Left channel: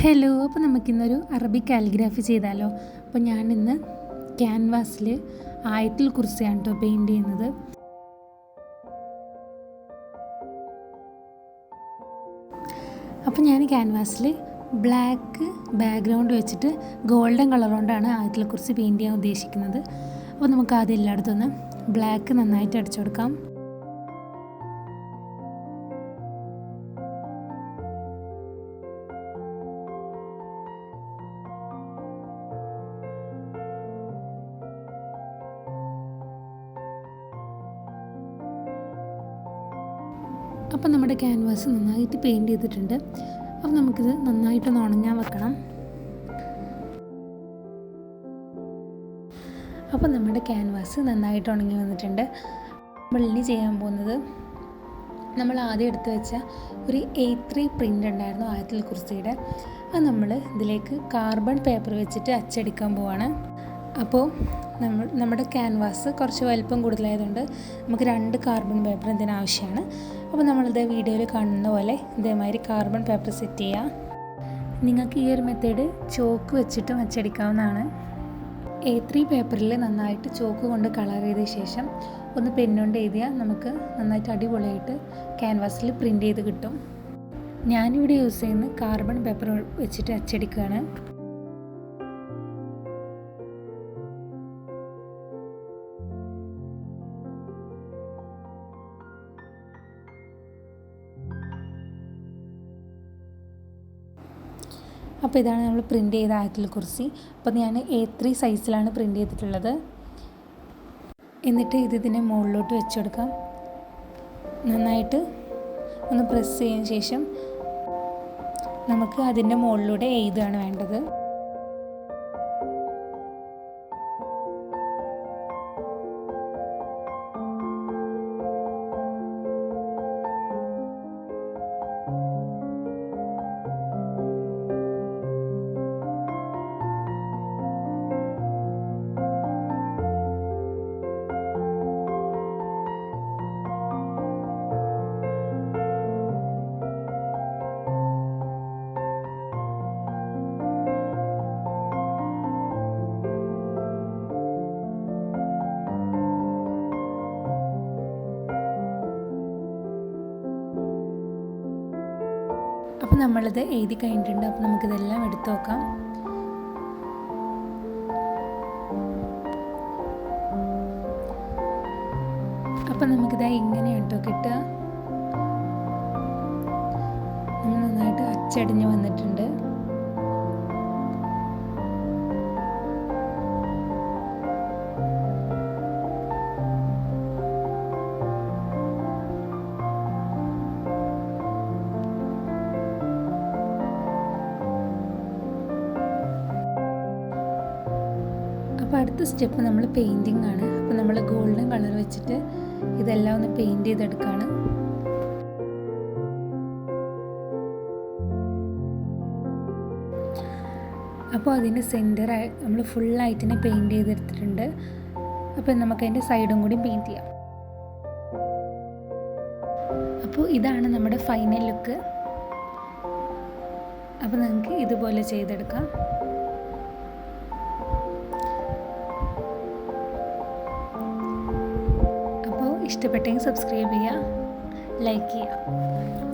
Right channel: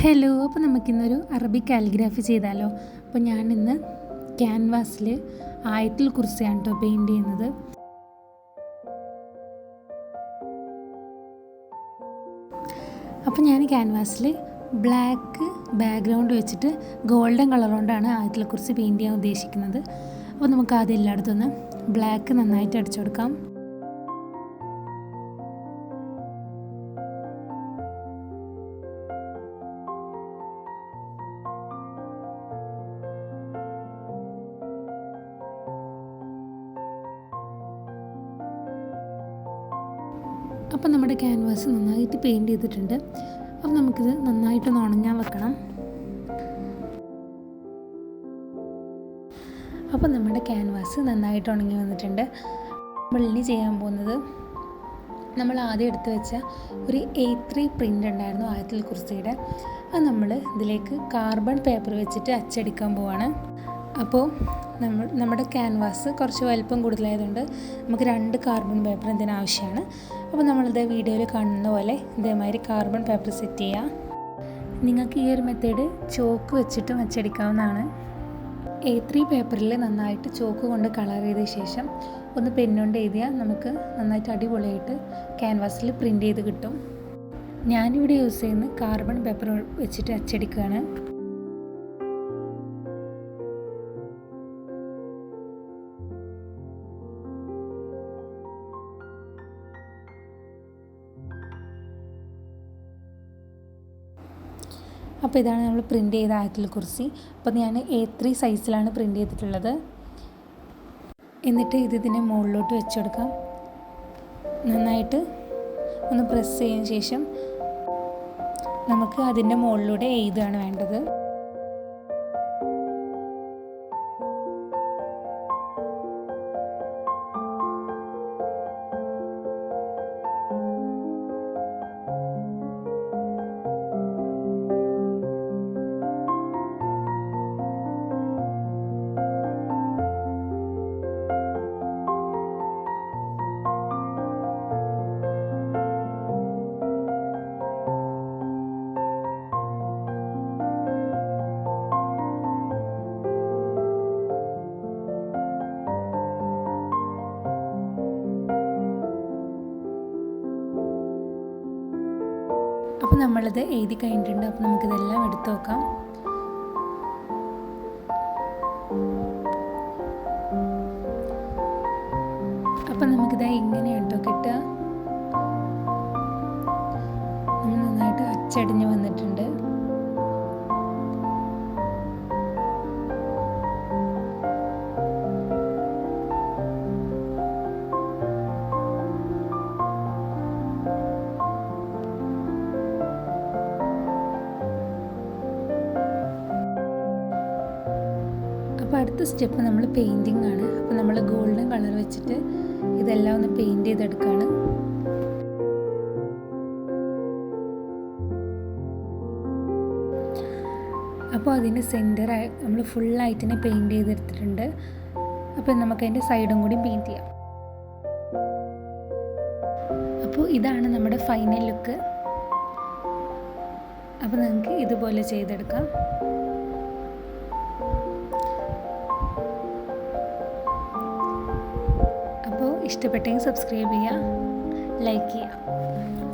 Hello, അപ്പോൾ നമുക്കിന്നൊരു Arabic calligraphy ചെയ്താലോ. അപ്പോൾ ഞാനിന്ന് ക്യാൻവാസിൽ ആയത്തുൽ കുർസിയാണ് കേട്ടോ പെയിൻറ് ചെയ്യുന്നത്. അപ്പോൾ ഞാൻ ക്യാൻവാസിൽ ബ്ലാക്ക് ബാക്ക്ഗ്രൗണ്ട് വെച്ചിട്ട് ഗോൾഡൻ കളർ കൊണ്ടാണ് ആയത്തുൽ കുർസി പെയിൻറ് ചെയ്യാൻ ഉദ്ദേശിക്കുന്നത്. അപ്പോൾ നമുക്ക് ആദ്യം എല്ലായിടത്തുനിന്ന് ബ്ലാക്ക് നന്നായിട്ട് അടിച്ചു കൊടുക്കാം. അപ്പം നമ്മുടെ ക്യാൻവാസ് നന്നായിട്ട് പെയിൻറ് ചെയ്തിട്ടുണ്ട്. അപ്പം നമുക്കിത് നന്നായിട്ടൊന്ന് ഉണങ്ങാൻ വെക്കണം. അപ്പം നമ്മുടെ ക്യാൻവാസ് നന്നായിട്ട് ഉണങ്ങി വന്നിട്ടുണ്ട്. നമ്മൾ ഇനി ചെയ്യാൻ പോകുന്നത്, നമ്മൾ ആദ്യം എടുത്ത് വെച്ച ഒരു A3 പ്രിൻ്റ് ഉണ്ടായിരുന്നു ആയത്തുൽ കുർസിയുടെ. അത് നമ്മൾ ഇതിലേക്ക് കാർബൺ പേപ്പർ വെച്ചിട്ട് അച്ചടിക്കാൻ പോവാണ്. അപ്പോൾ നമ്മുടെ ക്യാൻവാസ് കുറച്ച് വലിപ്പം കൂടുതലായതുകൊണ്ട് നമുക്ക് 2 കാർബൺ പേപ്പർ ഇതിന് ആവശ്യമാണ്. അപ്പോൾ നമ്മളിത് വീഡിയോയിൽ കാണുന്ന പോലെ ഇതേമാതിരി കാർബൺ പേപ്പർ സെറ്റ് ചെയ്യുക. നിങ്ങൾക്ക് ഈ ഒരു മെത്തേഡ് ചോക്ക് വെച്ചിട്ടും അച്ചടിക്കാവുന്നതാണ്. A3 പേപ്പറിൽ നന്നായിട്ട് ചോക്ക് കൊണ്ട് കളർ ചെയ്ത ശേഷം ഒന്ന് പെന്നുകൊണ്ട് എഴുതിയാൽ നമുക്ക് നന്നായിട്ട് അടിപൊളിയായിട്ട് ക്യാൻവാസിൽ പ്രിൻ്റ് ചെയ്ത് കിട്ടും. ഞാനിവിടെ യൂസ് ചെയ്യുന്നത് കാർബൺ പേപ്പർ വെച്ചിട്ട് അച്ചടിക്കുകയാണ്. അപ്പോൾ ഇതാണ് നമ്മൾ പ്രിൻ്റ് ചെയ്ത ആയത്തുൽ കുർസി. അപ്പോൾ ഞാൻ A3 സൈസിലാണ് പ്രിൻ്റ് ചെയ്തിട്ടുള്ളത്. എന്നിട്ട് ഇതിനെ മുകളിലോട്ട് വെച്ച് കൊടുക്കാം. നന്നായിട്ട് ഒന്ന് പ്രസ് ചെയ്തതിന് ശേഷം നമുക്ക് അതിൻ്റെ മുകളിലൂടെ എഴുതുകയാണ് വേണ്ടത്. അപ്പോൾ നമ്മളിത് എഴുതി കഴിഞ്ഞിട്ടുണ്ട്. അപ്പോൾ നമുക്കിതെല്ലാം എടുത്തു നോക്കാം. അപ്പം നമുക്കിത് ഇങ്ങനെയാണ് കേട്ടോ കിട്ടുക. നമ്മൾ നന്നായിട്ട് അച്ചടിഞ്ഞ് വന്നിട്ടുണ്ട്. അപ്പോൾ അടുത്ത സ്റ്റെപ്പ് നമ്മൾ പെയിൻറ്റിങ് ആണ്. അപ്പോൾ നമ്മൾ ഗോൾഡൻ കളർ വെച്ചിട്ട് ഇതെല്ലാം ഒന്ന് പെയിൻറ്റ് ചെയ്തെടുക്കുകയാണ്. അപ്പോൾ അതിൻ്റെ സെൻറ്ററായി നമ്മൾ ഫുള്ളായിട്ടിനെ പെയിൻറ്റ് ചെയ്തെടുത്തിട്ടുണ്ട്. അപ്പോൾ നമുക്കതിൻ്റെ സൈഡും കൂടി പെയിൻറ്റ് ചെയ്യാം. അപ്പോൾ ഇതാണ് നമ്മുടെ ഫൈനൽ ലുക്ക്. അപ്പോൾ നമുക്ക് ഇതുപോലെ ചെയ്തെടുക്കാം. ഇഷ്ടപ്പെട്ടെങ്കിൽ സബ്സ്ക്രൈബ് ചെയ്യുക, ലൈക്ക് ചെയ്യുക.